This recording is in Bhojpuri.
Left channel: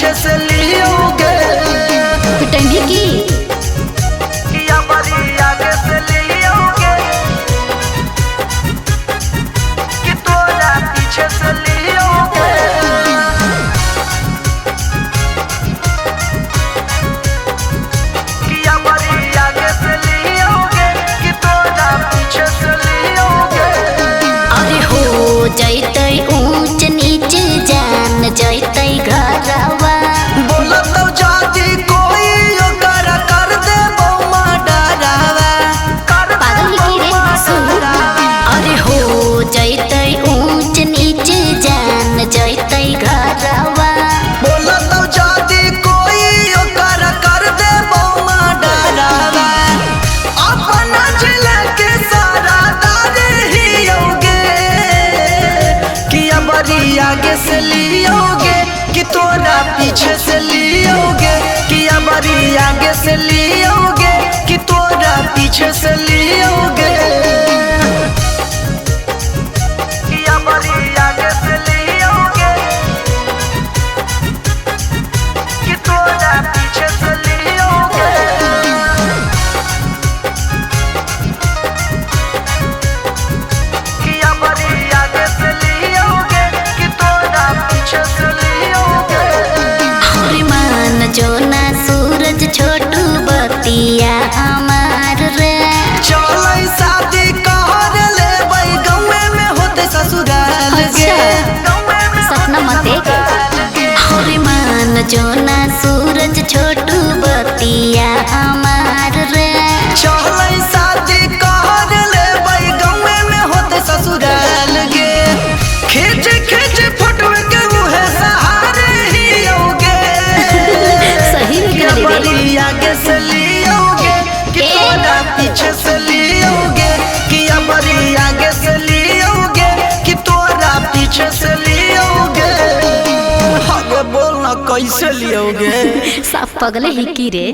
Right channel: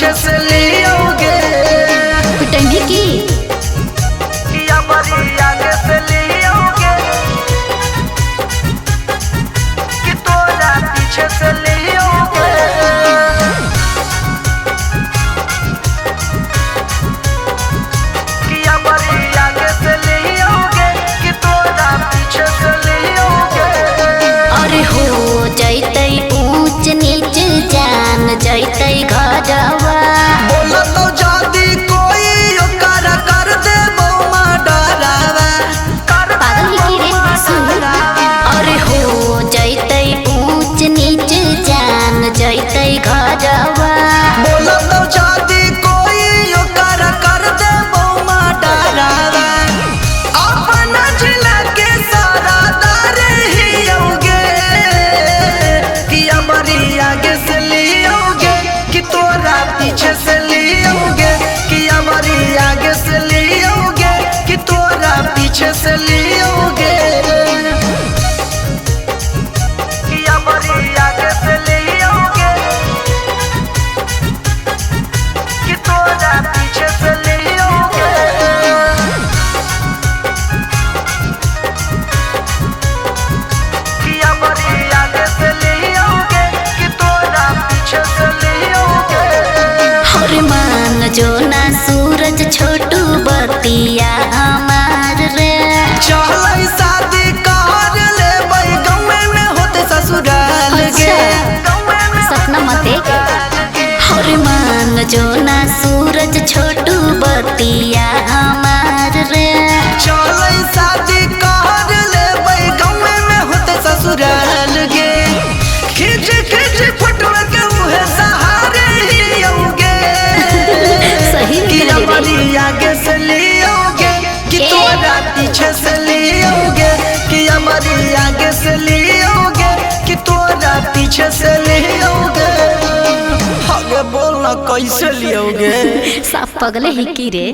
पीछे से लियोगे पिटाई की या बड़ी आगे से लियोगे कि तोरा पीछे से लियोगे कि या बड़ी आगे से लियोगे कि तोरा पीछे से लियोगे। अरे हो जाइते ऊंच नीच जान जाइते घरवा बोला तो जादी कोई ओकर कर दे बोमा डरावा कर पागल ही की रे सुन। अरे हो जाइते ऊंच नीच जान जाइते घरवा बोला तो जादी कोई ओकर कर दे बोमा डरावा अपना जिला के सारा दारे ही होगे कि हमारी आगे से लियोगे कि तोरा पीछे से लियोगे कि हमारी आगे से लियोगे कि तोरा पीछे से लियोगे कि हमारी आगे से लियोगे कि तोरा पीछे से लियोगे कि हमारी आगे से लियोगे कि तोरा पीछे से लियोगे। हरे मान जो ना सूरज छोटू बतिया हमार रे चलै शादी कर ले बई गमे में होते ससुराल के अच्छा सपना मते हरे मान जो ना सूरज छोटू बतिया हमार रे चलै शादी कर ले बई गमे में होते ससुराल के खिच खिच फोटो के उहे सहारे ही होगे सही में कह रे हमारी आगे से लियोगे कि तोरा पीछे से लियोगे कि हमारी आगे से लियोगे कि तोरा पीछे से लियोगे आगे बोलना कैसे लियोगे साफ पगले ही की रे।